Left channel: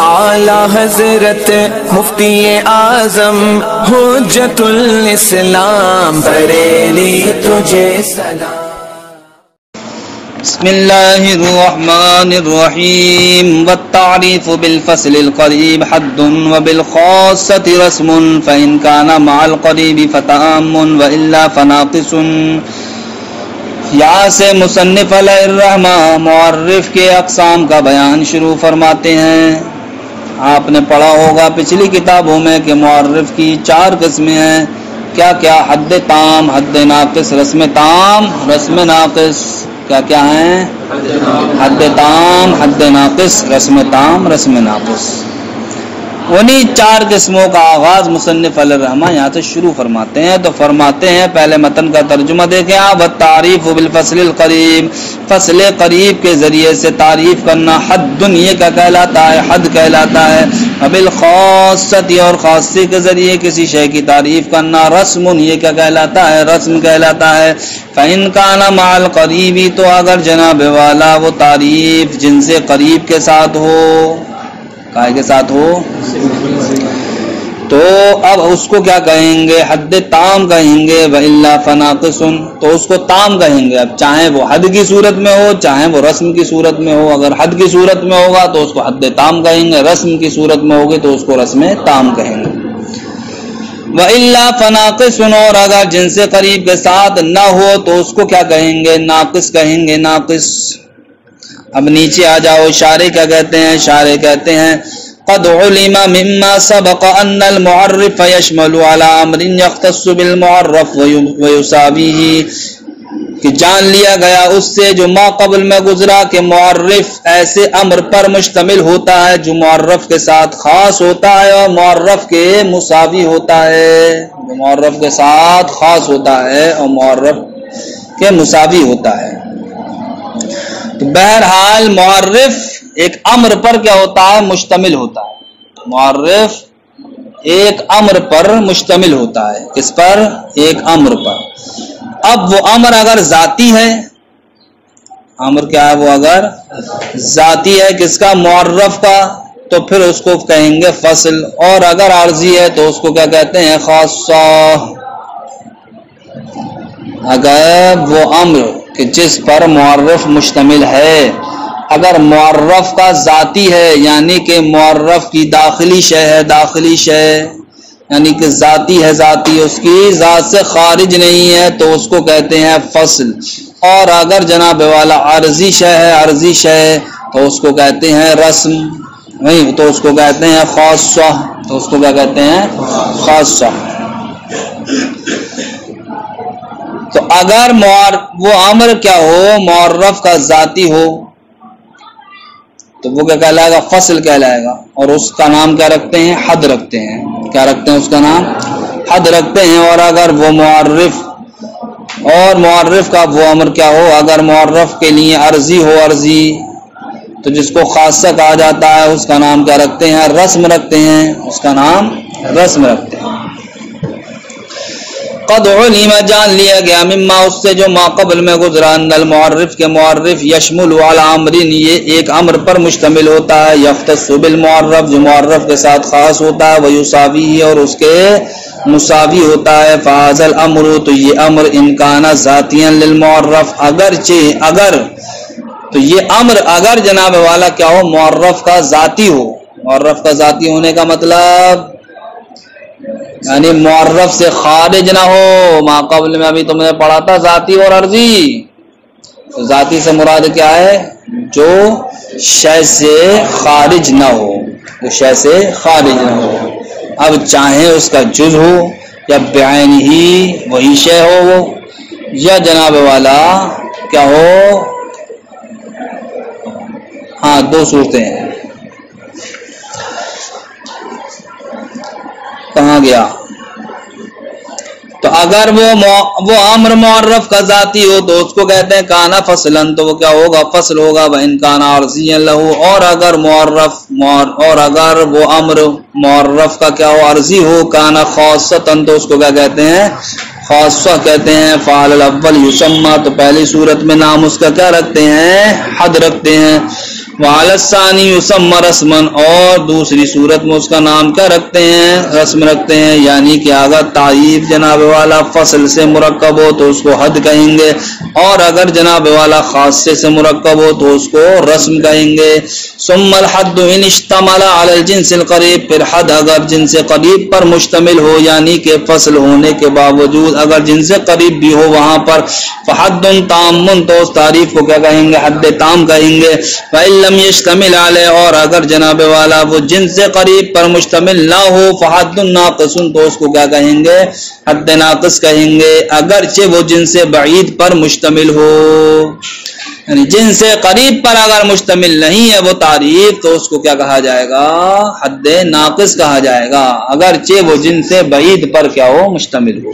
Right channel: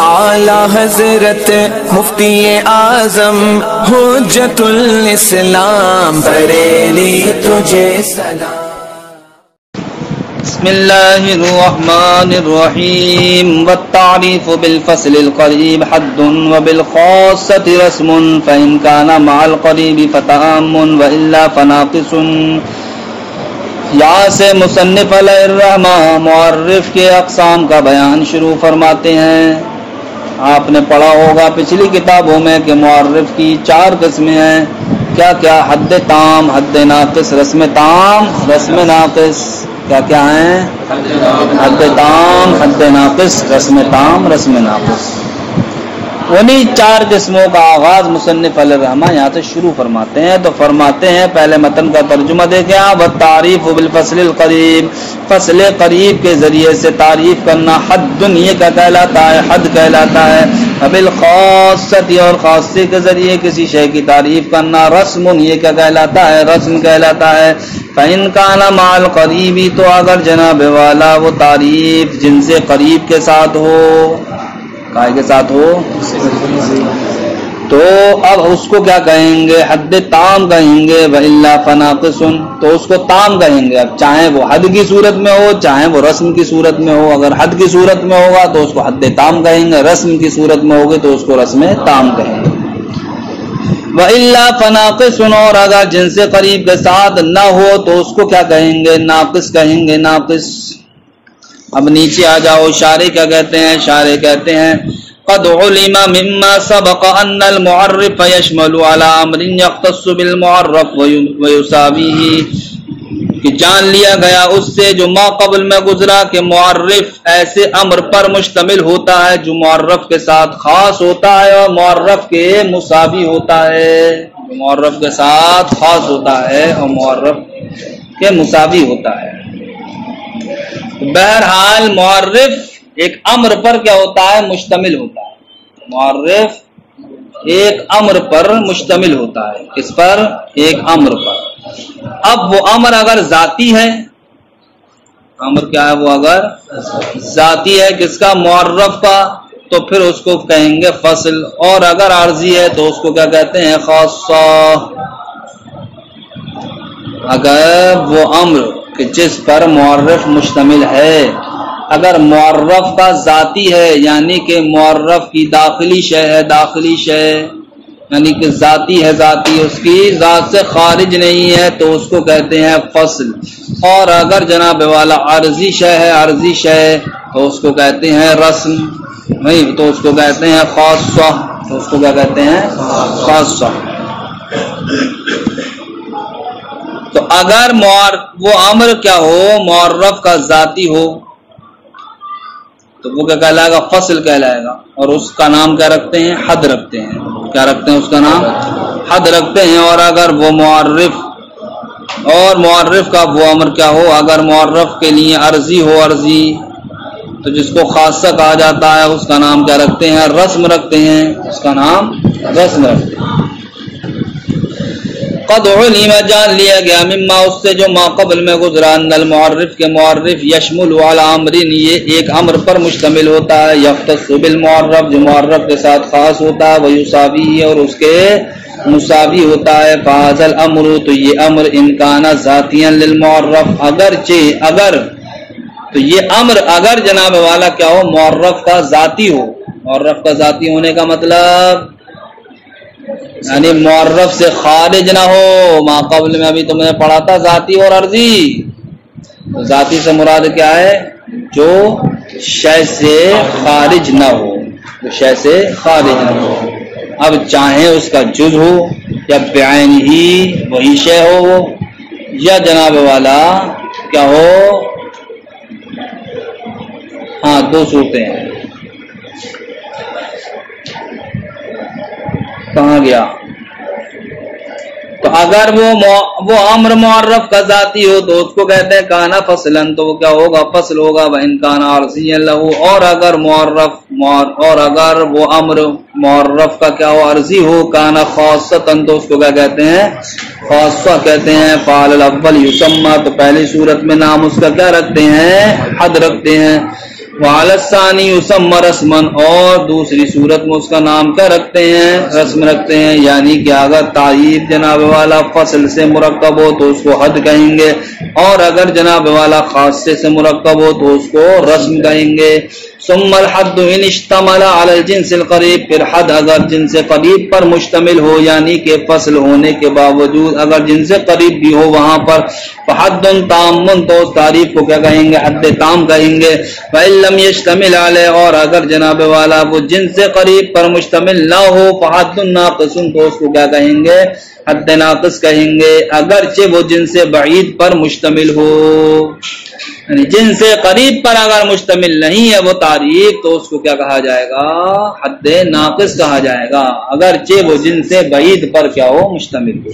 اعلی حضرت مفتی اعظم حجت الاسلام بریلی تجھے سلام۔ بسم اللہ الرحمن الرحیم والتعریف بالفصل القریب حد وبالخاصة رسم فإن كان مع القریب فتعام وإلا فناقص۔ یہاں سے مصنف علیہ الرحمہ معرف کے اقسام کا بیان شروع فرماتے ہیں۔ آپ نے پڑھا ہوگا پچھلی کتابوں میں کہ معرف کی 4 قسمیں ہیں۔ کیا کیا؟ حد تام، حد ناقص، رسم تام، رسم ناقص۔ کیا کیا ہیں؟ حد تام، حد ناقص، رسم تام، رسم ناقص۔ انہی 4 قسموں کا آغاز مصنف علیہ الرحمہ یہاں سے شروع فرماتے ہیں۔ تو فرماتے ہیں، پہلے متن کا ترجمہ دیکھیں آپ، والتعریف بالفصل القریب، فصل قریب کے ذریعے سے تعریف کرنا، حد یہ کا کہلاتا ہے، حد کہلاتا ہے، بالخاصۃ اور خاصی کے ذریعے کسی شے کی تعریف کرنا، رسم یہ کا کہلاتا ہے، رسم کہلاتا ہے۔ فإن كان مع القریب تو اگر جناب والا وہ تعریف جن سے قریب کے ساتھ ہو، کائے کے ساتھ ہو، تو اب اس کو کیا کہیں گے؟ حد تام کہیں گے، وإلا فناقص تو اس کو تام کہیں گے۔ اب چاہے وہ حد کی صورت میں ہو، چاہے وہ رسم کی صورت میں ہو۔ اگر حد کی صورت میں ہوگا تو اس کو حد تام کہیں گے، رسم کی صورت میں ہوگی تو اس کو رسم تام کہیں گے۔ وإلا فناقص اور اگر جن سے قریب کے ساتھ نہ ہو تو اس کو کیا کہیں گے؟ ناقص کہیں گے، ناقص۔ اب نیچے آ جاؤ، شارح کیا کہتے ہیں؟ شارح کہتے ہیں قد علم مما سبق ان المعرف يشمل على امر يختص بالمعرف ويساويه، کہ جان لیا گیا اس سے جو ما قبل میں گزرا کہ معرف ایسے امر پر مشتمل ہوتا ہے جو معرف کے ساتھ خاص ہوتا ہے اور معرف کے مساوی ہوتا ہے، جو معرف کے ساتھ خاص ہوتا ہے اور معرف کے مساوی ہوتا ہے۔ تو بہرحال معرف ایک امر پر کیا ہوتا ہے؟ مشتمل ہوتا ہے۔ معرف ایک امر پر مشتمل ہوتا ہے۔ کس پر؟ ایک امر پر۔ اب وہ امر اگر ذاتی ہے، امر کیا ہے؟ وہ اگر ذاتی ہے کس کا؟ معرف کا، تو پھر اس کو کہیں گے فصل، اور اگر عارضی ہے تو اس کو کیا کہتے ہیں؟ خاصہ۔ اگر وہ امر کہ جس پر معرف مشتمل ہے، اگر معرف کا ذاتی ہے یعنی کہ معرف کی داخلی شے ہے، داخلی شے یعنی کہ ذاتی ہے، ذاتی اس کی ذات سے خارج نہیں ہے تو اس کو کہتے ہیں فصل۔ اور اگر جناب والا عارضی شے ہے، عارضی شے تو اس کو کہتے ہیں رسم، نہیں تو اس کو کہتے ہیں خاصہ، تو اس کو کیا کہتے ہیں؟ خاصہ۔ تو اگر وہ امر کیا ہو؟ معرف کا ذاتی ہو تو وہ کیا کہلائے گا؟ فصل کہلائے گا، اور اس کا نام کیا رکھتے ہیں؟ حد رکھتے ہیں۔ کیا رکھتے ہیں؟ اس کا نام حد رکھتے ہیں۔ اور اگر وہ معرف کا وہ امر کیا ہو؟ اگر معرف کے لیے عرضی ہو، عرضی تو جس کو خاصہ کہا جاتا ہے اس کا نام کیا رکھتے ہیں؟ رسم رکھتے ہیں، اس کا نام رسم رکھتے ہیں۔ قد علم جان لیا گیا مما اس سے جو ما قبل میں گزرا ان المعرف کے معرف یشمل علی امرین یہ ایک امر پر مشتمل ہوتا ہے، یختص بالمعرف جو معرف کے ساتھ خاص ہوتا ہے، ویساوی اور اس کے مساوی ہوتا ہے۔ فہذا الامر تو یہ امر امکان ذاتیا للمعرف اگرچہ اگر تو یہ امر اگر جناب والا کیا ہو؟ معرف کا ذاتی ہو۔ معرف کا ذاتی ہونے کا مطلب یعنی معرف سے خارج نہ ہو۔ ما قبل میں ابھی تم نے پڑھا تھا ذاتی اور عرضی، تو ذاتی سے مراد کیا ہے؟ جو شے سے خارج نہ ہو، وہ شے سے خارج نہ ہو۔ اب چاہے اس کا جز ہو یا بعین ہی وہی شے ہو وہ، یا جناب والا کیا ہو؟ ہاں 2 صورتیں ہیں۔ کہاں گیا؟ تو اگر وہ امر معرف کا ذاتی ہو تو اس کو کہتے ہیں کانا فصلن، تو وہ کیا ہوگا؟ فصل ہوگا۔ وَإِن كَانَ عَرْضِيًّا لَهُ اور اگر وہ امر معرف کا کیا ہو؟ عرضی ہو، کانا خاصتاً تو اس کو کیا کہتے ہیں؟ خاصہ کہتے ہیں۔ فعل الاول یسمى تو پہلی صورت میں نام اس کا کیا رکھتے ہیں؟ حد رکھتے ہیں۔ وعلی الثانی یسمى رسما، اور دوسری صورت میں اس کا نام کیا رکھتے ہیں؟ رسم رکھتے ہیں، یعنی کہ اگر تعریف جناب والا فصل سے مرکب ہو تو اس کو حد کہیں گے، اور اگر جناب والا خاصے سے مرکب ہو تو اس کو رسم کہیں گے۔ ثم الحد ان اشتمل علی الجنس القریب، پھر حد اگر جنس قریب پر مشتمل ہو، یعنی کہ فصل ہونے کے باوجود اگر جنس قریب بھی ہو وہاں پر، فحد تام، تو اس تعریف کو کیا کہیں گے؟ حد تام کہیں گے۔ فإن لم يشتمل علیہ، اور اگر جناب والا وہ جنس قریب پر مشتمل نہ ہو، فحد ناقص، تو اس کو کیا کہیں گے؟ حد ناقص کہیں گے، اگرچہ وہ جنس بعید پر مشتمل ہو۔ یعنی جنس قریب پر اگر مشتمل نہیں ہے وہ تعریف تو اس کو کیا کہا جائے گا؟ حد ناقص کہا جائے گا، اگرچہ وہ جنس بعید پر کیا ہو؟ مشتمل ہو۔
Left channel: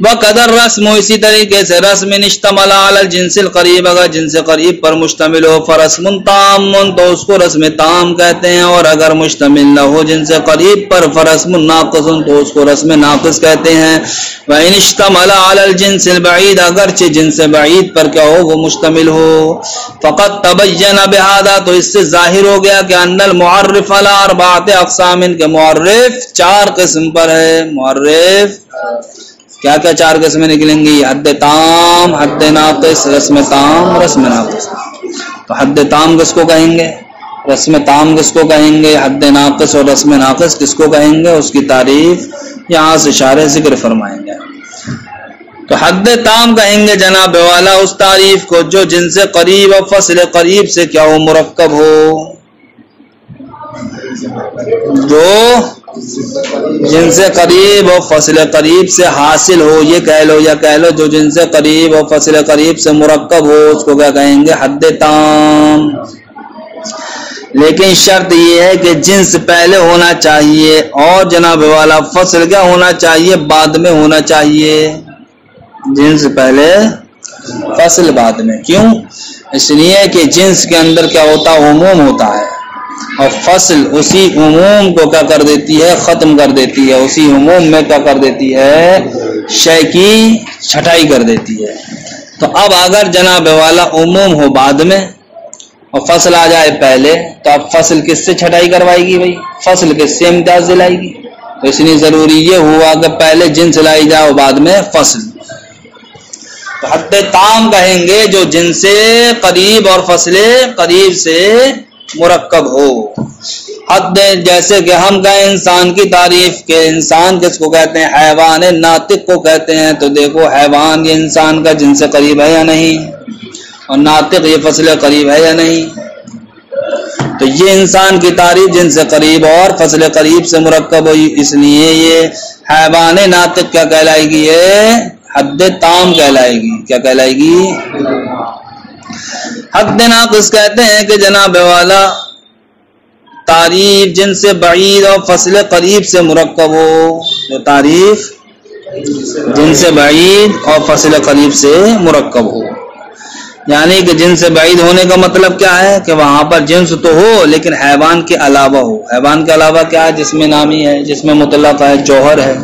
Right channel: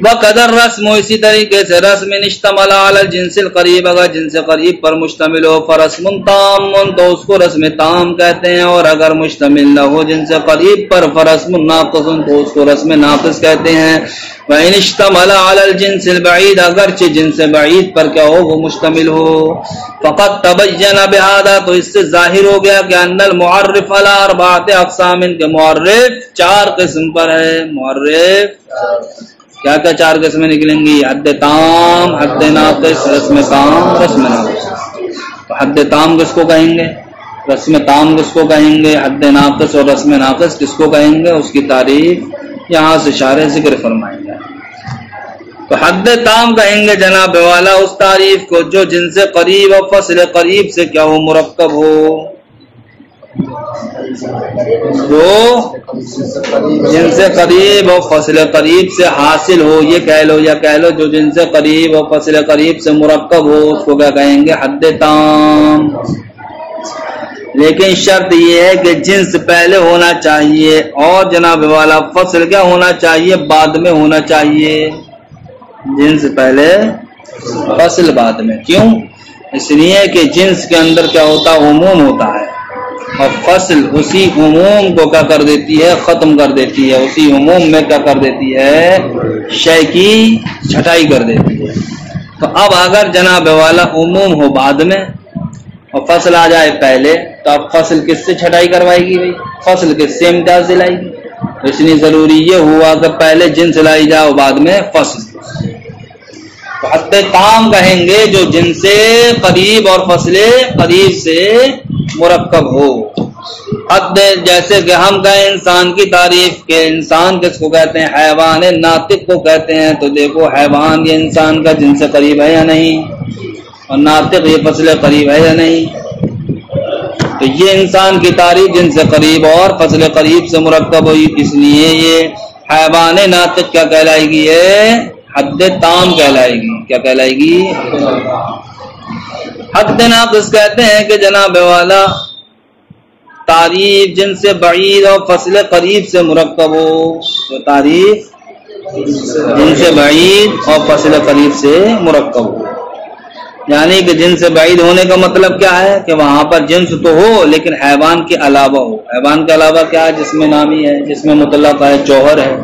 وقدر رسم، اسی طریقے سے رسم اشتمل علی الجنس القریب، اگر جنس قریب پر مشتمل ہو، فرسم تام، تو اس کو رسم تام کہتے ہیں، اور اگر مشتمل نہ ہو جنس قریب پر، فرسم ناقص، تو اس کو رسم ناقص کہتے ہیں۔ وإن اشتمل علی الجنس البعید، اگرچہ جنس بعید پر کیا ہو؟ وہ مشتمل ہو۔ فقط تبین بہذا، تو اس سے ظاہر ہو گیا کہ ان المعرف علی اربعۃ اقسام، کے معرف 4 قسم پر ہے۔ معرف کیا کیا 4 قسمیں نکلیں گی؟ حد تام، حد ناقص، رسم تام، رسم ناقص۔ تو حد تام کس کو کہیں گے؟ رسم تام کس کو کہیں گے؟ حد ناقص اور رسم ناقص کس کو کہیں گے؟ اس کی تعریف یہاں سے اشارے ذکر فرمائیں گے۔ تو حد تام کہیں گے جناب والا اس تعریف کو جو جنس قریب اور فصل قریب سے کیا ہو؟ مرکب ہو، جو جنس قریب اور فصل قریب سے حاصل ہو، یہ کہہ لو یا کہہ لو جو جنس قریب اور فصل قریب سے مرکب ہو، اس کو کیا کہیں گے؟ حد تام۔ لیکن شرط یہ ہے کہ جنس پہلے ہونا چاہیے اور جناب والا فصل کیا ہونا چاہیے؟ بعد میں ہونا چاہیے۔ جنس پہلے فصل بعد میں، کیوں؟ اس لیے کہ جنس کے اندر کیا ہوتا؟ عموم ہوتا ہے، اور فصل اسی عموم کو کیا کر دیتی ہے؟ ختم کر دیتی ہے، اسی عموم میں کیا کر دیتی ہے؟ شے کی چھٹائی کر دیتی ہے۔ تو اب اگر جناب والا عموم ہو بعد میں اور فصل آ جائے پہلے، تو اب فصل کس سے چھٹائی کروائے گی بھائی؟ فصل کس سے امتیاز دلائے گی؟ تو اس لیے ضروری یہ ہوا کہ پہلے جنس لائی جائے اور بعد میں فصل۔ تو حد تام کہیں گے جو جنس قریب اور فصل قریب سے مرکب ہو۔ حد جیسے کہ ہم کہیں انسان کی تعریف کے، انسان کس کو کہتے ہیں؟ حیوان ناطق کو کہتے ہیں۔ تو دیکھو حیوان یہ انسان کا جنس قریب ہے یا نہیں، اور ناطق یہ فصل قریب ہے یا نہیں؟ تو یہ انسان کی تعریف جنس قریب اور فصل قریب سے مرکب ہوئی، اس لیے یہ حیوان ناطق کیا کہلائے گی؟ یہ حد تام کہلائے گی۔ کیا کہلائے گی؟ حد ناقص کہتے ہیں کہ جناب والا تعریف جنس بعید اور فصل قریب سے مرکب ہو، جو تعریف جنس بعید اور فصل قریب سے مرکب ہو۔ یعنی کہ جنس بعید ہونے کا مطلب کیا ہے؟ کہ وہاں پر جنس تو ہو لیکن حیوان کے علاوہ ہو۔ حیوان کے علاوہ کیا ہے؟ جس میں نامی ہے، جس میں مطلق ہے، جوہر ہے،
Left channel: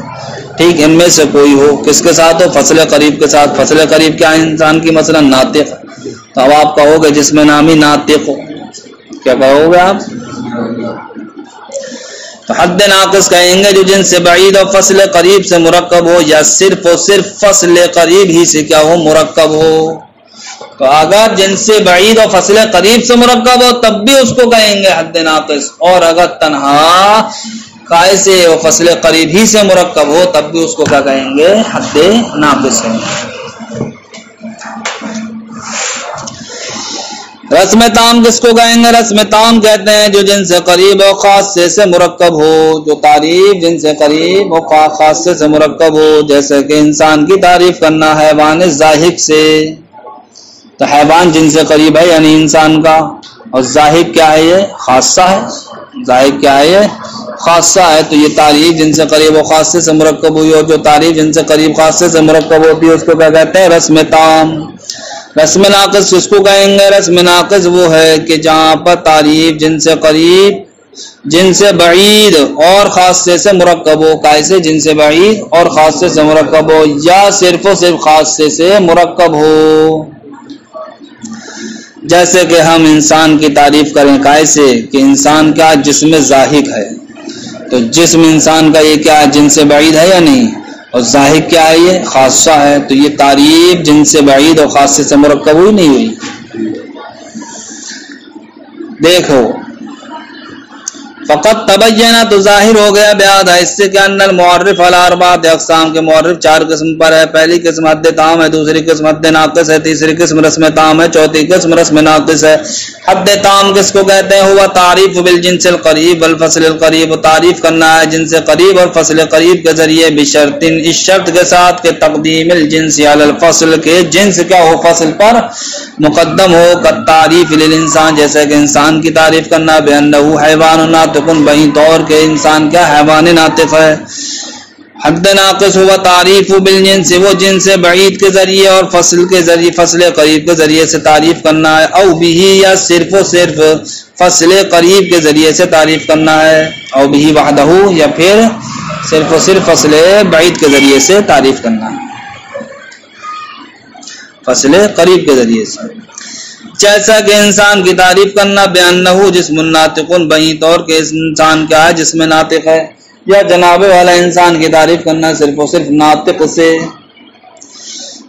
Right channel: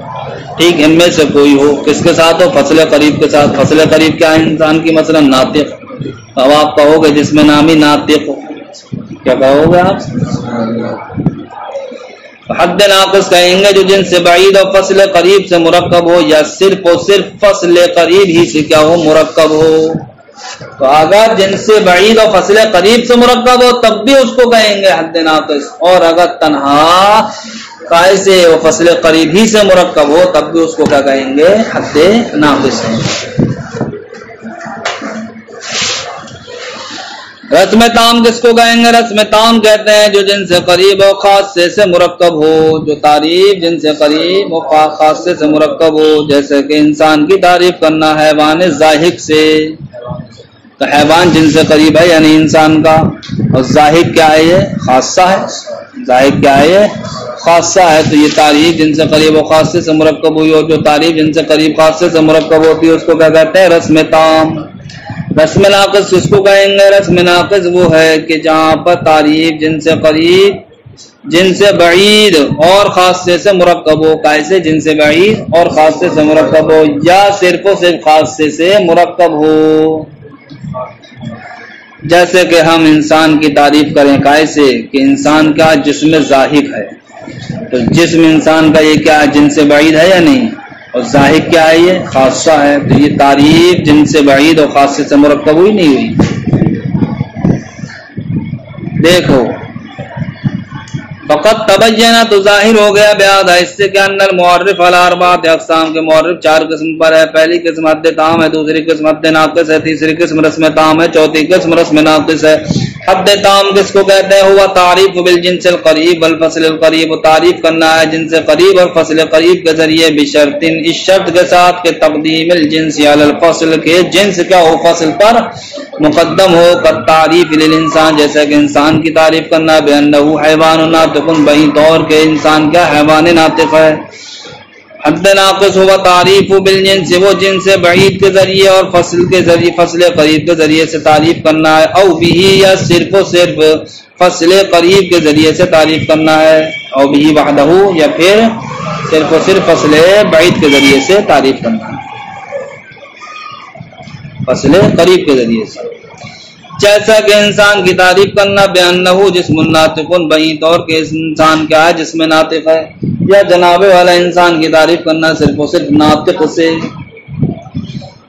ٹھیک، ان میں سے کوئی ہو، کس کے ساتھ ہو؟ فصل قریب کے ساتھ۔ فصل قریب کیا ہے انسان کی؟ مثلا ناطق، تو اب آپ کہو گے جس میں نامی ناطق ہو، کیا کہو گے آپ؟ تو حد ناقص کہیں گے جو جنس بعید اور فصل قریب سے مرکب ہو، یا صرف اور صرف فصل قریب ہی سے کیا ہو؟ مرکب ہو۔ تو اگر جنس بعید اور فصل قریب سے مرکب ہو تب بھی اس کو کہیں گے حد ناقص، اور اگر تنہا قائد سے اور فصل قریب ہی سے مرکب ہو تب بھی اس کو کیا کہیں گے؟ حد ناقص کہیں گے۔ رسم تام کس کو کہیں گے؟ رسم تام کہتے ہیں جو جنس قریب اور خاصے سے مرکب ہو، جو تعریف جنس قریب اور خاصے سے مرکب ہو۔ جیسے کہ انسان کی تعریف کرنا حیوان زاہق سے، تو حیوان جنس قریب ہے یعنی انسان کا، اور زاہق کیا ہے؟ یہ خاصہ ہے۔ زاہق کیا ہے؟ یہ خاصہ ہے۔ تو یہ تعریف جنس قریب اور خاصے سے مرکب ہوئی، اور جو تعریف جنس قریب خاصے سے مرکب ہوتی ہے اس کو کیا کہتے ہیں؟ رسم تام۔ رسم ناقص کس کو کہیں گے؟ رسم ناقص وہ ہے کہ جہاں پر تعریف جنس قریب جنس بعید اور خاصے سے مرکب ہو۔ کیسے؟ جنس بعید اور خاصے سے مرکب ہو، یا صرف و صرف خاصے سے مرکب ہو۔ جیسے کہ ہم انسان کی تعریف کریں کیسے کہ انسان کا جسم ذاہق ہے، تو جسم انسان کا یہ کیا جن سے بعید ہے یا نہیں، اور ذاہق کیا ہے یہ خاصہ ہے، تو یہ تعریف جن سے بعید اور خاصے سے مرکب ہوئی نہیں ہوئی؟ دیکھو فقط تبینہ تو ظاہر ہو گیا بیاد ہے اس سے کہ ان المعرف علی اربعۃ اقسام کے معرف 4 قسم پر ہے۔ پہلی قسم حد تام ہے، دوسری قسم حد ناقص ہے، تیسری قسم رسم تام ہے، چوتھی قسم رسم ناقص ہے۔ حد تام کس کو کہتے ہیں؟ ہوا تعریف بالجنس القریب والفصل القریب، تعریف کرنا ہے جنس قریب اور فصل قریب کے ذریعے، بشرط اس شرط کے ساتھ کہ تقدیم الجنس علی الفصل، کے جنس کیا ہو فصل پر مقدم ہو، کالتعریف للانسان جیسے کہ انسان کی تعریف کرنا، بانہ حیوان ناطق بہی طور کے انسان کیا حیوان ناطق ہے۔ حد ناقص ہوا تعریف بالجنس، وہ جنس بعید کے ذریعے اور فصل کے ذریعے فصل قریب کے ذریعے سے تعریف کرنا ہے، او بھی یا صرف و صرف فصل قریب کے ذریعے سے تعریف کرنا ہے، او بھی وحدہ یا پھر صرف و صرف فصل بعید کے ذریعے سے تعریف کرنا ہے، فصل قریب کے ذریعے سے۔ جیسا کہ انسان کی تعریف کرنا بانہ جسم ناطق بہی طور کے انسان کیا ہے جسم ناطق ہے، یا جناب والا انسان کی تعریف کرنا صرف و صرف ناطق سے۔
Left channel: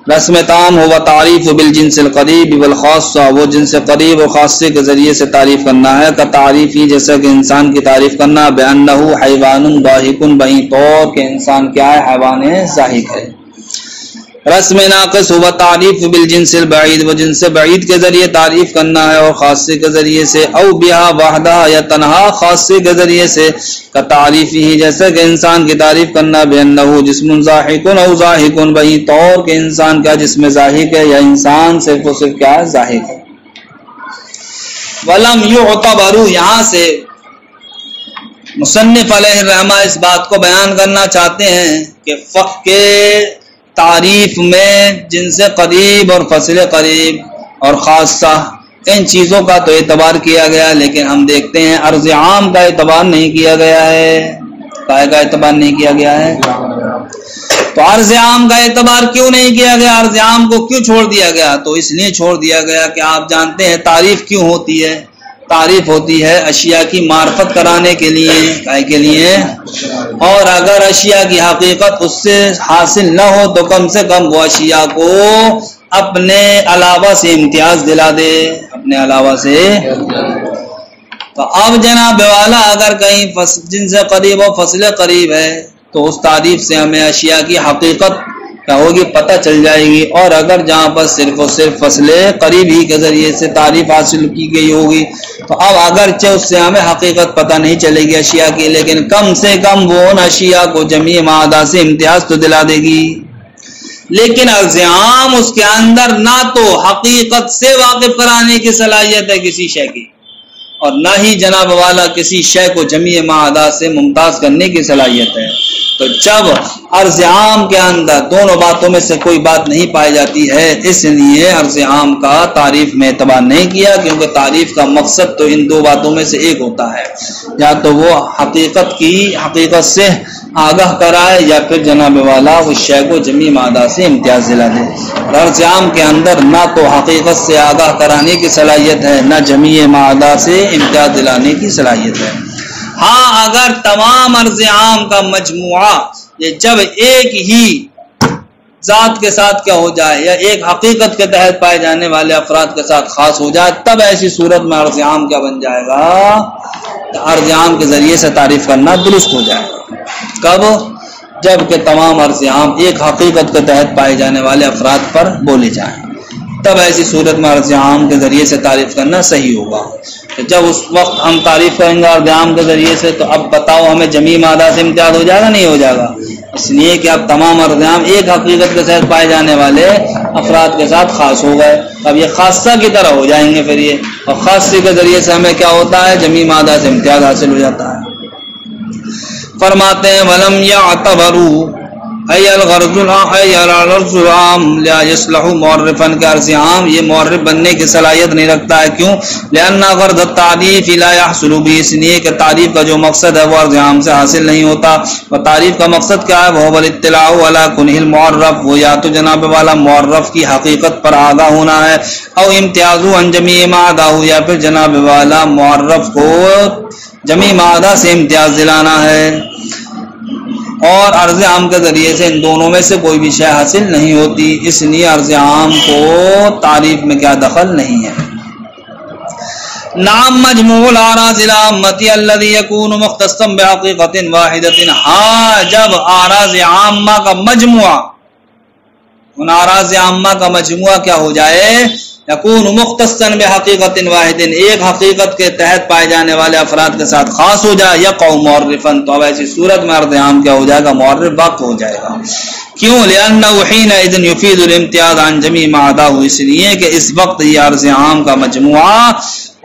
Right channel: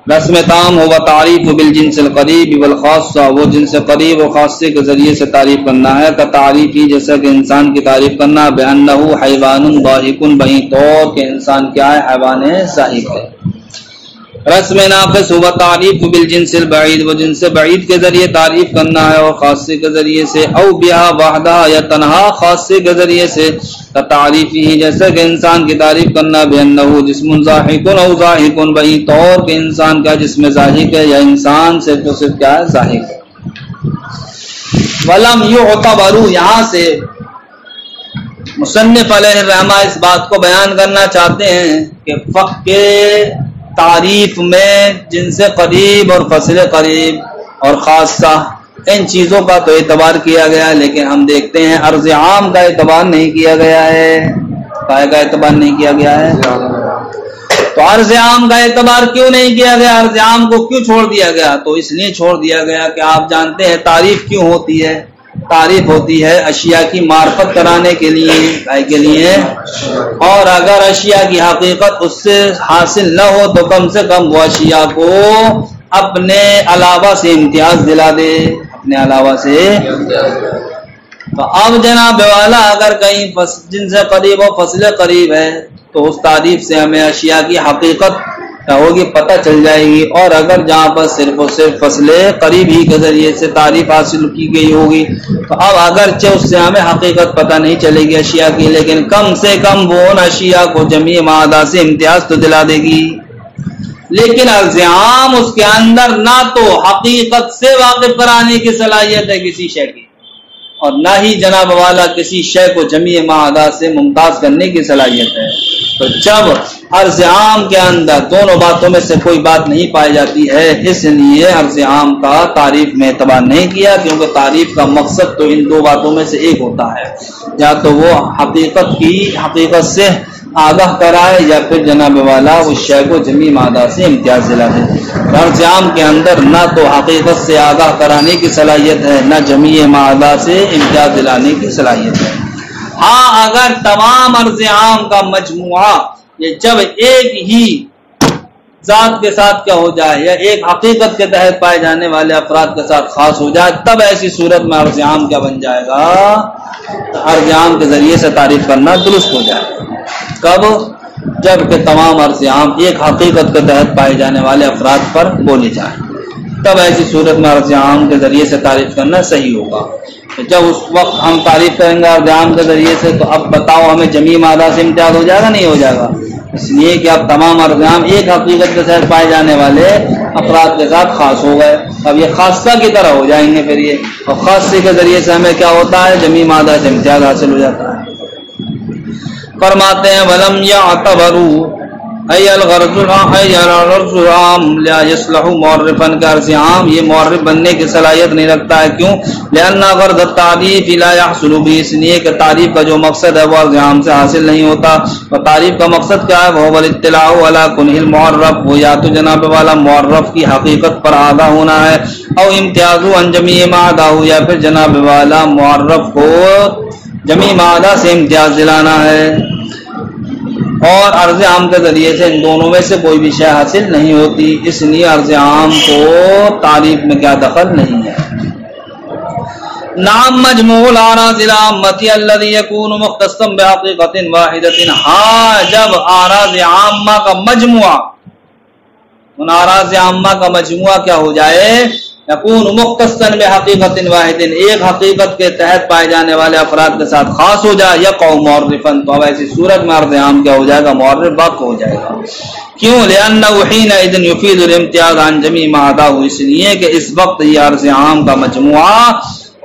رسم تام ہوا تعریف بالجنس القریب والخاصہ، وہ جنس قریب و خاصے کے ذریعے سے تعریف کرنا ہے، کا تعریف ہی جیسا کہ انسان کی تعریف کرنا بانہ حیوان ضاحک بہی طور کے انسان کیا ہے حیوان ضاحک ہے۔ رسم ناقص ہوا تعریف بالجنس البعید، وہ جنس بعید کے ذریعے تعریف کرنا ہے اور خاصے کے ذریعے سے، او بہا وحدہ یا تنہا خاصے کے ذریعے سے، کا تعریف ہی جیسے کہ انسان کی تعریف کرنا بانہ جسم ضاحک او ضاحک بہی طور کے انسان کیا جسم ضاحک ہے یا انسان صرف و صرف کیا ہے ضاحک ہے۔ ولم یعتبر، یہاں سے مصنف علیہ الرحمہ اس بات کو بیان کرنا چاہتے ہیں کہ فقہ کے تعریف میں جنس قریب اور فصل قریب اور خاصہ ان چیزوں کا تو اعتبار کیا گیا، لیکن ہم دیکھتے ہیں عرض عام کا اعتبار نہیں کیا گیا ہے۔ کائے کا اعتبار نہیں کیا گیا ہے؟ تو عرض عام کا اعتبار کیوں نہیں کیا گیا؟ عرض عام کو کیوں چھوڑ دیا گیا؟ تو اس لیے چھوڑ دیا گیا کہ آپ جانتے ہیں تعریف کیوں ہوتی ہے؟ تعریف ہوتی ہے اشیاء کی معرفت کرانے کے لیے، اور اگر اشیاء کی حقیقت اس سے حاصل نہ ہو تو کم سے کم وہ اشیاء کو اپنے علاوہ سے امتیاز دلا دے، اپنے علاوہ سے۔ تو اب جناب والا اگر کہیں جنس قریب و فصل قریب ہے تو اس تعریف سے ہمیں اشیاء کی حقیقت کیا ہوگی پتہ چل جائے گی، اور اگر جہاں پر صرف و صرف فصل قریب ہی کے ذریعے سے تعریف حاصل کی گئی ہوگی تو اب اگرچہ اس سے ہمیں حقیقت پتہ نہیں چلے گی اشیاء کی، لیکن کم سے کم وہ ان اشیاء کو جمیع معدہ سے امتیاز تو دلا دے گی۔ لیکن عرض عام اس کے اندر نہ تو حقیقت سے واقف کرانے کی صلاحیت ہے کسی شے کی، اور نہ ہی جناب والا کسی شے کو جمیع معدہ سے ممتاز کرنے کی صلاحیت ہے۔ تو جب عرض عام کے اندر دونوں باتوں میں سے کوئی بات نہیں پائی جاتی ہے، اس لیے عرض عام کا تعریف میں اعتبار نہیں کیا، کیونکہ تعریف کا مقصد تو ان دو باتوں میں سے ایک ہوتا ہے، یا تو وہ حقیقت سے آگاہ کرائے یا پھر جناب والا اس شے کو جمیع معدہ سے امتیاز دلا دے۔ عرض عام کے اندر نہ تو حقیقت سے آگاہ کرانے کی صلاحیت ہے، نہ جمیع معدہ سے امتیاز دلانے کی صلاحیت ہے۔ ہاں اگر تمام عرض عام کا مجموعہ یہ جب ایک ہی ذات کے ساتھ کیا ہو جائے یا ایک حقیقت کے تحت پائے جانے والے افراد کے ساتھ خاص ہو جائے، تب ایسی صورت میں عرض عام کیا بن جائے گا؟ عرض عام کے ذریعے سے تعریف کرنا درست ہو جائے گا۔ کب؟ جب کہ تمام عرض عام ایک حقیقت کے تحت پائے جانے والے افراد پر بولے جائیں، تب ایسی صورت میں عرض عام کے ذریعے سے تعریف کرنا صحیح ہوگا۔ جب اس وقت ہم تعریف کریں گے عرض عام کے ذریعے سے تو اب بتاؤ ہمیں جمیع معدہ سے امتیاز ہو جائے گا نہیں ہو جائے گا؟ اس لیے کہ اب تمام عرض عام ایک حقیقت کے ساتھ پائے جانے والے افراد کے ساتھ خاص ہو گئے، اب یہ خاصہ کی طرح ہو جائیں گے پھر یہ، اور خاصے کے ذریعے سے ہمیں کیا ہوتا ہے؟ جمیع معدہ سے امتیاز حاصل ہو جاتا ہے۔ فرماتے ہیں ولم یعتبروا، ای الغرض العام لا يصلح معرفا کا عرض عام یہ معرف بننے کی صلاحیت نہیں رکھتا ہے. کیوں؟ لأن غرض التعریف لا يحصل به، اس لیے کہ تعریف کا جو مقصد ہے وہ عرض عام سے حاصل نہیں ہوتا. اور تعریف کا مقصد کیا ہے؟ وہ الاطلاع على كنه المعرف، وہ یا تو جناب والا معرف کی حقیقت پر آگاہ ہونا ہے، او امتیاز عن جمیع ما عداه، یا پھر جناب والا معرف کو جمیع ما عدا سے امتیاز دلانا ہے. اور عرض عام کے ذریعے سے ان دونوں میں سے کوئی بھی شے حاصل نہیں ہوتی، اس لیے عرض عام کو تعریف میں کیا دخل نہیں ہے. نعم مجموع الاعراض العامة الذي يكون مختصا بحقيقة واحدة، ہاں جب اعراض عامہ کا مجموعہ، ان اعراض عامہ کا مجموعہ کیا ہو جائے، یکون مختصا بحقیقت واحد، ایک حقیقت کے تحت پائے جانے والے افراد کے ساتھ خاص ہو جائے، یقع معرفا، تو اب ایسی صورت میں عرض عام کیا ہو جائے گا، معرف واقع ہو جائے گا. کیوں؟ لأنه حينئذ يفيد الامتیاز عن جمیع ما عداه، اس لیے کہ اس وقت یہ عرض عام کا مجموعہ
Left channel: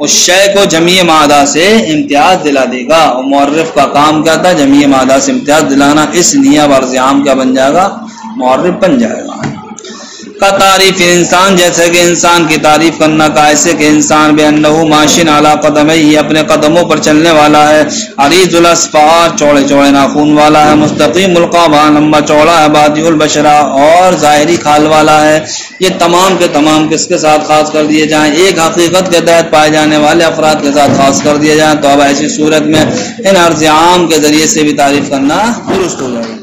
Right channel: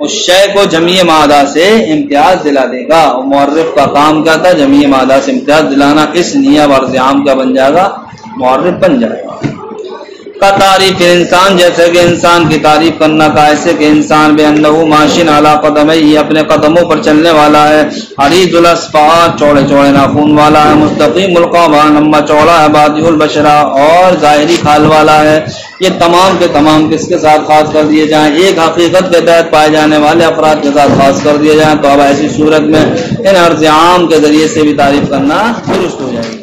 اس شے کو جمیع ما عدا سے امتیاز دلا دے گا. اور معرف کا کام کیا تھا؟ جمیع ما عدا سے امتیاز دلانا، اس لیے اب عرض عام کیا بن جائے گا، معرف بن جائے گا. کا تعریف انسان، جیسے کہ انسان کی تعریف کرنا کا ایسے کہ انسان بے انہو ماشین علی قدمیہ، اپنے قدموں پر چلنے والا ہے، عریض الاصفار، چوڑے چوڑے ناخن والا ہے، مستقیم القامہ، لمبا چوڑا ہے، بادی البشرہ، اور ظاہری کھال والا ہے. یہ تمام کے تمام کس کے ساتھ خاص کر دیے جائیں؟ ایک حقیقت کے تحت پائے جانے والے افراد کے ساتھ خاص کر دیے جائیں. تو اب ایسی صورت میں ان عرض عام کے ذریعے سے بھی تعریف کرنا درست ہو جائے گی.